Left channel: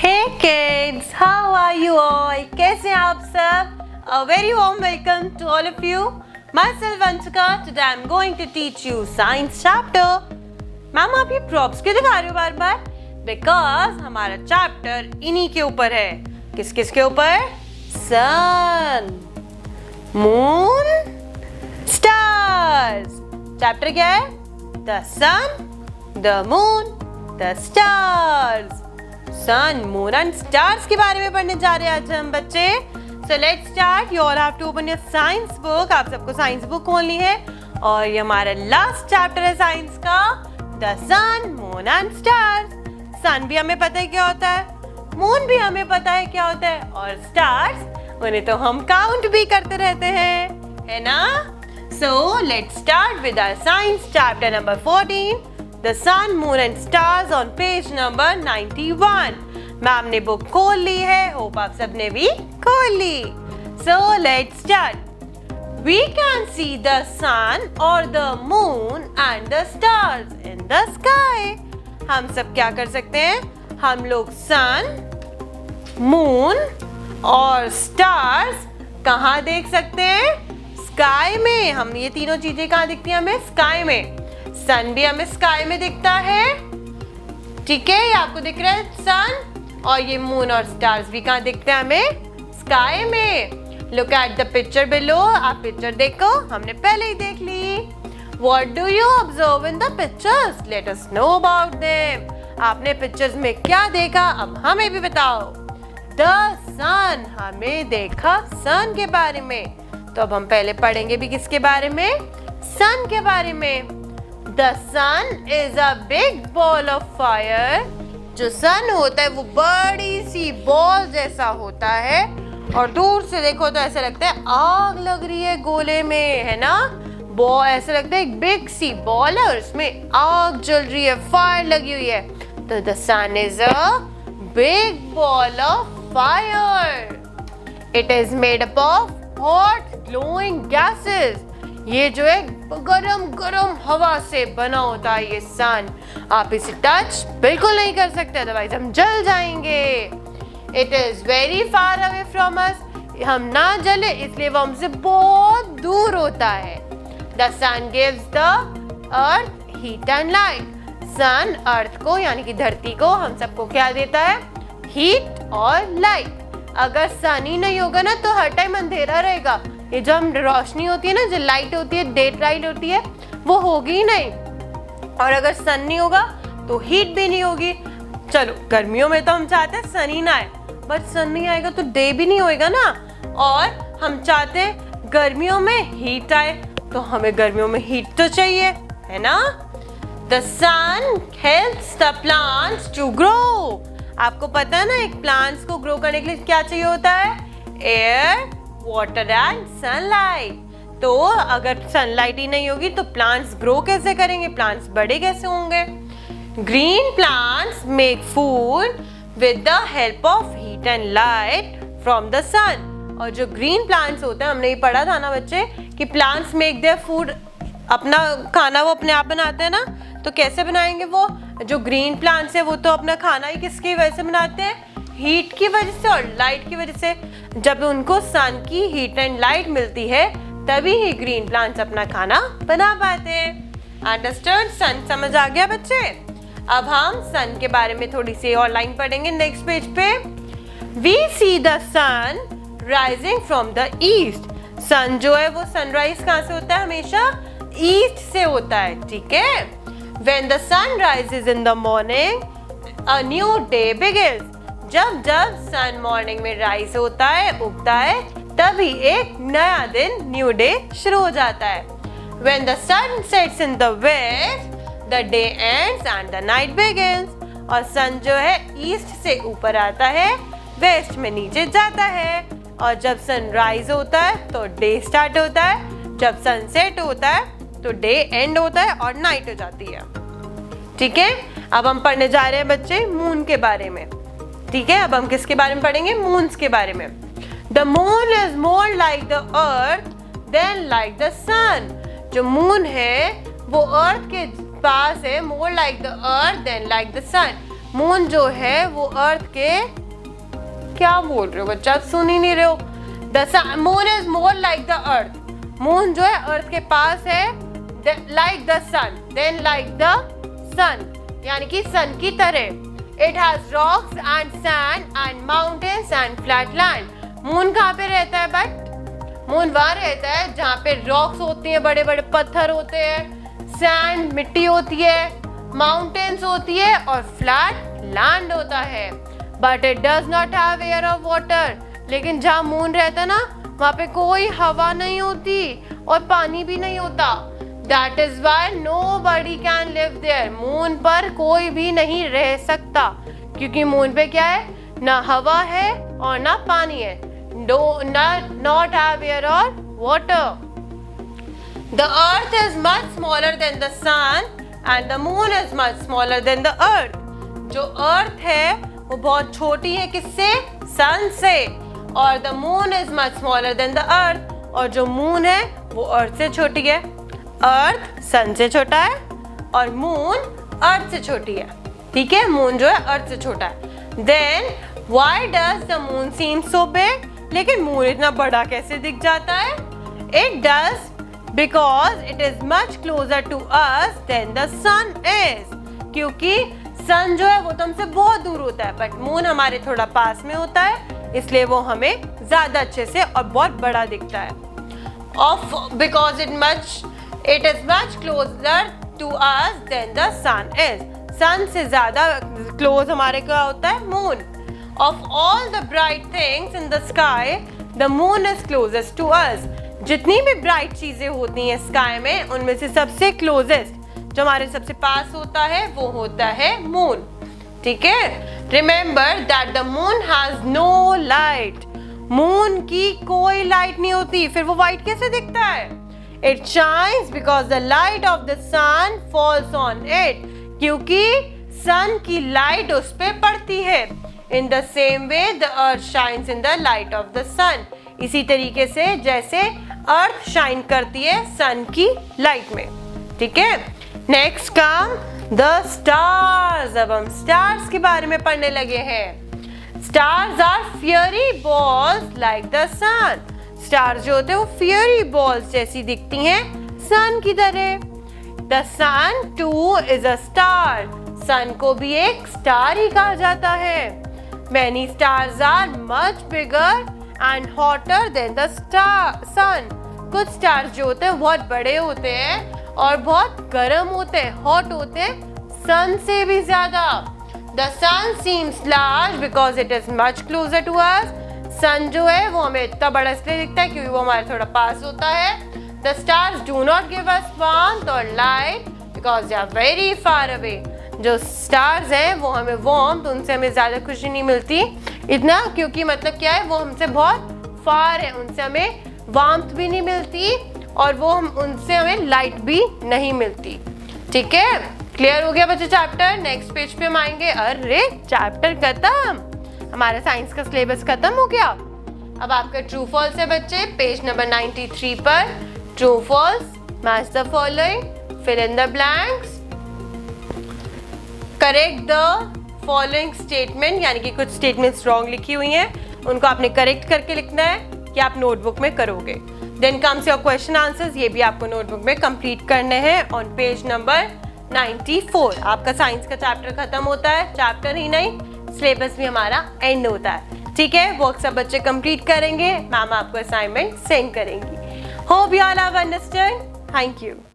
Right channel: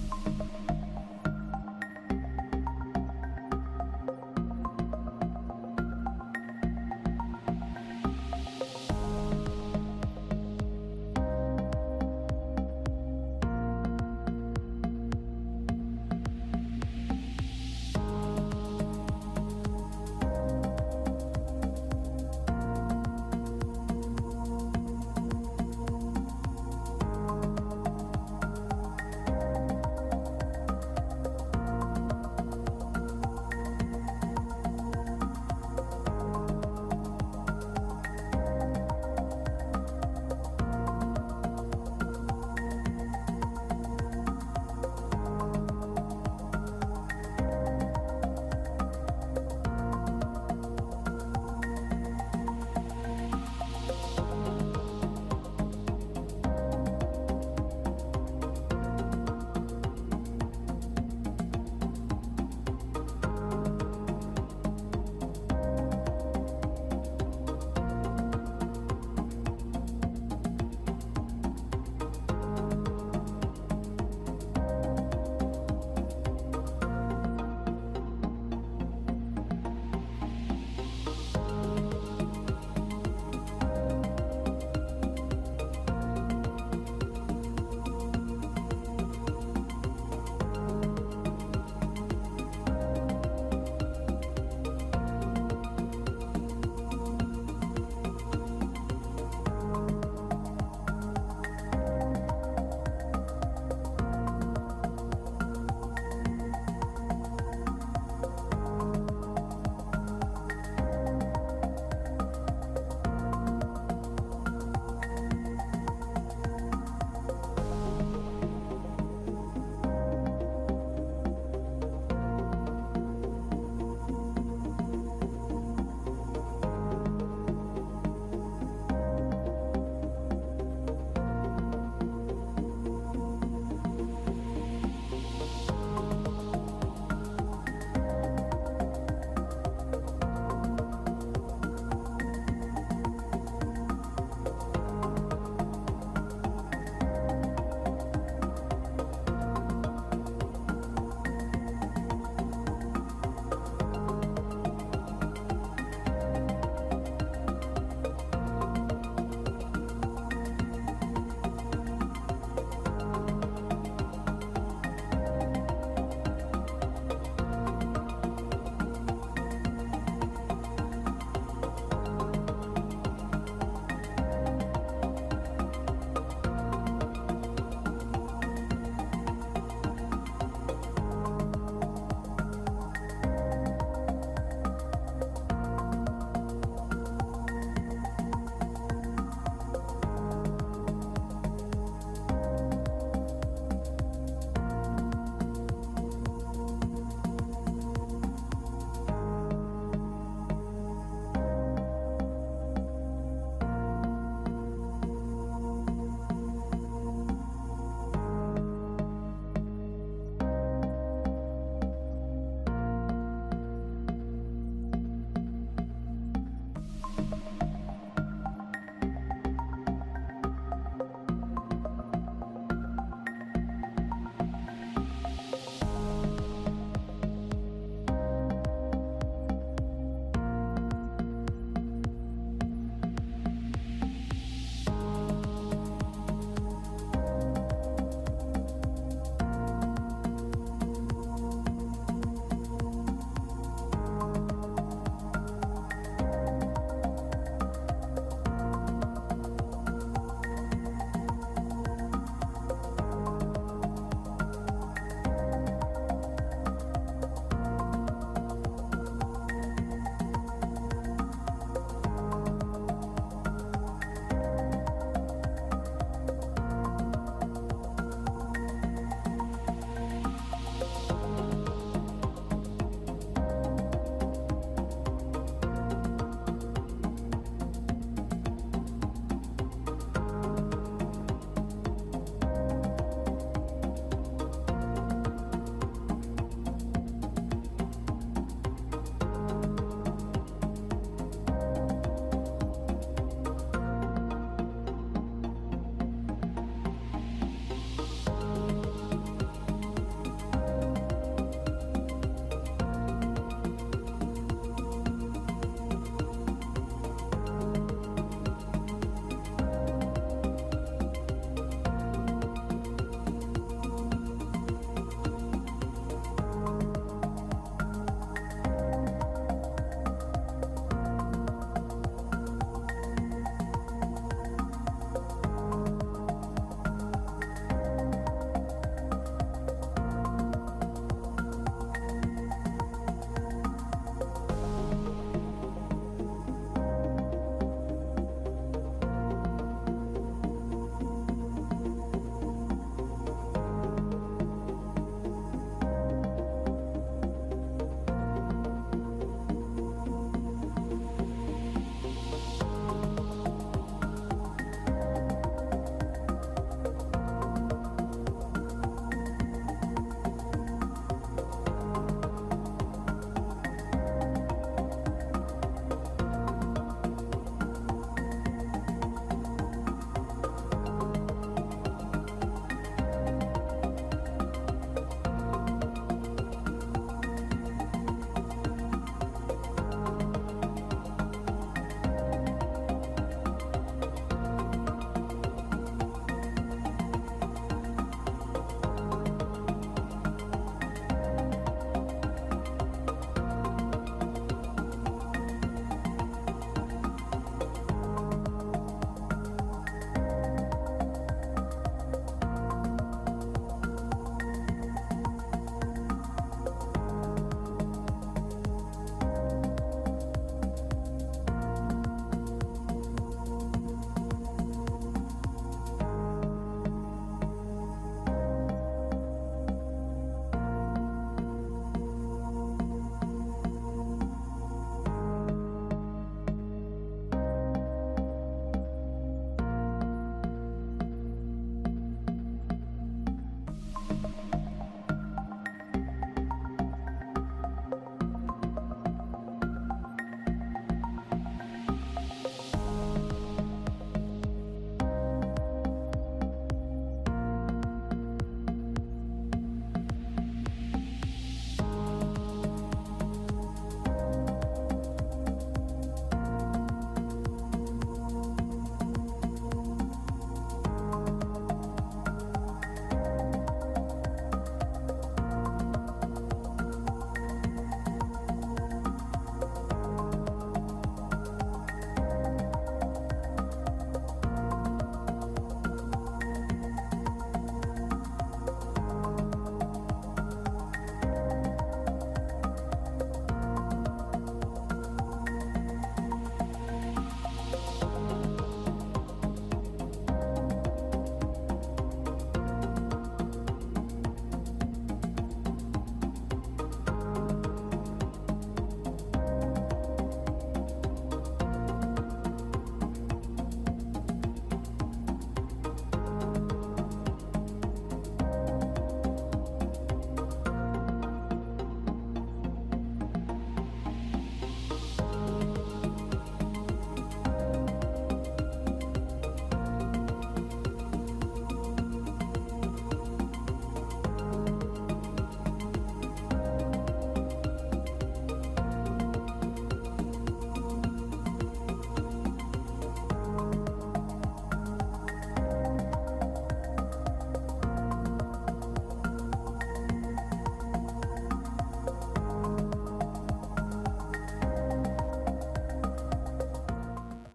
Hey kids, how are you all? कैसे हैं आप सब? A very warm welcome to all of you. Myself Vanchika. Today I'm going to teach you science chapter. Ma'am आप ये props क्यों दिखा रहे हो बार बार? Because हमारा चैप्टर इन्हीं के ऊपर है. किस किस के ऊपर? Sun, Moon, Stars. चैप्टर क्या है? The Sun, the Moon, the Stars. Sun, moon and stars के बारे में पढ़ने जा रहे हैं आज हम बच्चे. So let's start. You all have to open your science book. आप सबको साइंस बुक खोलनी है और ये हमारा लास्ट चैप्टर है साइंस का, the sun, moon and stars. Sun भी हमें पता है क्या होता है, मून भी हमें पता है क्या होता है, और स्टार्स उन्हें तो हम काउंट भी करते रहते हैं, है ना. So let's start with our science chapter number 14, The Sun, Moon and Stars on page number 91. Ma'am ने बुक खोल ली है. होप आप सबने भी खोल ली. So let's start. We can see the sun or the moon and the stars in the sky. हम सब क्या कर सकते हैं? हम लोग sun, moon और stars कहाँ देख सकते हैं? Sky में. हम ये तीनों चीजें कहाँ दिखती हैं हमें? Sky में. सन भी हमें स्काई में दिखता है, ठीक है, ये आपको दिख रहा है सन. और ये मून और स्टार्स भी कहाँ दिखते हैं हमें? स्काई में. Look at the picture below. आप पिक्चर देखो, हमने पहले ही देख ली. What do you observe in the pictures? Let us know about them. आपने पिक्चर्स में क्या देखा, अब हमें भी बताओ. द सन, हमें देखा सन के बारे में. तो अब हम पहले पढ़ेंगे भी किसके बारे में? सन के बारे में. The sun is a big ball of fire. जो सन होता है वो बड़ी सी बॉल जैसा होता है, और दूर से देखो तो ऐसा लगता है आग लग रही है गोले में, है ना. बॉल ऐसा लगता है एक बिग सी बॉल है और उसमें आग जल रही है, फायर लगी हुई है. तो the sun is a big ball of fire. It is made up of hot glowing gases. ये जो है गरम गरम हवा से बना होता है ये सन. आप इसे टच बिल्कुल नहीं कर सकते, अदरवाइज हम जल जाएंगे. It is very far away from us. हम ना जले इसलिए वो हमसे बहुत दूर होता है. The sun gives the earth heat and light. Sun earth को यानी कि धरती को हम सबको क्या देता है? हीट और लाइट. अगर सन ही नहीं होगा ना तो हर टाइम अंधेरा रहेगा. ये जो हम रोशनी होती है ना, जो लाइट होती है, डे लाइट होती है, वो होगी ही नहीं. और अगर सन नहीं होगा तो हीट भी नहीं होगी. चलो गर्मियों में तो हम चाहते हैं सन ही ना आए, बट सन नहीं आएगा तो डे भी नहीं होएगा ना. और हम चाहते हैं गर्मियों में हीट आए, तो हमें गर्मियों में हीट तो चाहिए, है ना. The sun helps the plants to grow. आपको पता है ना, एक प्लांट्स को ग्रो करने के लिए क्या चाहिए होता है? Air, water and sunlight. तो अगर सनलाइट ही नहीं होगी तो प्लांट्स ग्रो कैसे करेंगे, प्लांट्स बड़े कैसे होंगे? Green plants make food with the help of heat and light from the sun. और जो ग्रीन प्लांट्स होते हैं, हमने ये पढ़ा था ना बच्चे कि प्लांट्स मेक देयर फूड, अपना खाना वो अपने आप बनाते हैं ना. तो कैसे बनाएंगे वो? जो ग्रीन प्लांट्स है वो तो अपना खाना ही किसकी वजह से बनाते हैं? हीट की वजह से और लाइट की वजह से. जब उनको सन की हीट एंड लाइट मिलती है तभी ही ग्रीन प्लांट्स अपना खाना बना पाते हैं. अंडरस्टूड? सन समझ आ गया बच्चे? अब हम सन के बारे में थोड़ी सी और लाइन पढ़ेंगे नेक्स्ट पेज पे. We see the sun rising from the east. Sun जो है वो सनराइज कहाँ से होता है? हमेशा ईस्ट से होता है, ठीक है. When the sun rises in the morning a new day begins. जब जब सन मॉर्निंग में राइज होता है, उगता है, तभी एक नया दिन, न्यू डे शुरू हो जाता है. When the sun sets in the west, the day ends and the night begins. और सन जो है ईस्ट से ऊपर आता है, वेस्ट में नीचे जाता है. और जब सन राइज होता है तो डे स्टार्ट होता है, जब सनसेट होता है तो डे एंड होता है और नाइट हो जाती है, ठीक है. अब हम पढ़ने जा रहे हैं बच्चे मून के बारे में, ठीक है. अब हम किसके बारे में पढ़ेंगे? मून्स के बारे में. The moon is more like the earth than like the sun. जो मून है वो अर्थ के पास है, more like the earth than like the sun. Moon जो है वो अर्थ के, क्या बोल रहे हो बच्चा, सुन ही नहीं रहे हो। The moon is more like the earth. Moon जो है अर्थ के पास है, like the sun, then like the sun, यानी कि सन की तरह। It has rocks and sand and mountains and flat land. Moon कहाँ पे रहता है बट? मून वहाँ रहता है जहाँ पे रॉक्स होती हैं, बड़े बड़े पत्थर होते हैं, सैंड मिट्टी होती है, माउंटेन्स होती है और फ्लैट लैंड होता है। But it does not have air और वाटर। लेकिन जहाँ मून रहता है ना, वहाँ पे कोई हवा नहीं होती और पानी भी नहीं होता। That is why nobody can live there. Moon पर कोई भी नहीं रह सकता, क्योंकि मून पे क्या है, ना हवा है और ना पानी है। Not have air or water. The earth is much smaller than the sun and the moon is much smaller than the earth. जो earth है वो बहुत छोटी है किससे? sun से। और the moon is much smaller than the earth, और जो moon है वो earth से छोटी है। अर्थ सन से छोटा है और मून अर्थ से छोटी है, ठीक है। मून जो है अर्थ से छोटा है। Then why does the moon seem so big? लेकिन मून इतना बड़ा कैसे दिख जाता है? It does because it is much closer to us than the sun is. क्योंकि सन जो है वो तो हमसे बहुत दूर होता है, बट मून हमारे थोड़ा पास में होता है, इसलिए वो हमें ज्यादा अच्छे से और बहुत बड़ा दिखता है। Because it is much closer to us than the sun is. sun से ज़्यादा close हमारे क्या होता है? moon. Of all the bright things in the sky, the moon is closest to us. जितनी भी bright चीजें होती हैं sky में, उनमें से सबसे closest, जो हमारे सबसे पास होता है, वो होता है moon. ठीक है? Remember that the moon has no light. moon की कोई light नहीं होती, फिर वो white कैसे दिखता है? It shines because the light of the sun falls on it. क्योंकि sun की light उस पे पड़ती है। In the same way, the earth shines in the light of the sun. इसी तरीके से जैसे earth shine करती है sun की light में, ठीक है। Next come the stars. अब हम stars के बारे में पढ़ने लगे हैं। Stars are fiery balls like the sun. Stars जो होते हैं वो फियरी बॉल्स जैसी दिखती हैं सन की तरह। The sun too is a star. Sun को भी एक स्टार ही कहा जाता है। Many stars are much bigger and hotter than the sun. कुछ स्टार्स जो होते हैं बहुत बड़े होते हैं और बहुत गर्म होते हैं, हॉट होते हैं सन से भी ज्यादा। The sun seems large because it is much closer to us. Sun जो है वो हमें इतना बड़ा इसलिए दिखता है क्योंकि वो हमारे थोड़ा पास होता है। The stars do not give us warmth और light because they are very far away. जो स्टार्स हैं वो हमें वार्मथ, उनसे हमें ज़्यादा खुशी नहीं मिलती इतना, क्योंकि मतलब क्या है, वो हमसे बहुत फार है, उनसे हमें वार्मथ भी नहीं मिलती और वो उनसे हमें लाइट भी नहीं मिलती। ठीक है, क्लियर हो गया बच्चे चैप्टर? नेक्स्ट पेज पे हम आएंगे। अरे चैप्टर खत्म, हमारा साइंस का सिलेबस खत्म हो गया। अब आपका ट्रू फॉल्स है बच्चे, पेज नंबर 93 पर। True false, match the following, fill in the blanks, correct the following statement, यानी कि कुछ स्टेटमेंट्स रॉन्ग लिखी हुई हैं, उनको आपने करेक्ट करके लिखना है कि आप नोटबुक में करोगे। Then comes your question answers, ये भी आपको नोटबुक में कंप्लीट करने हैं ऑन पेज नंबर 94। आपका साइंस का चैप्टर खत्म होता है, चैप्टर ही नहीं सिलेबस भी हमारा एंड होता है। ठीक है, वर्क सब बच्चे कंप्लीट करेंगे, मैम आपको असाइनमेंट सेंड करेंगी। Hope you all have understood. Thank you.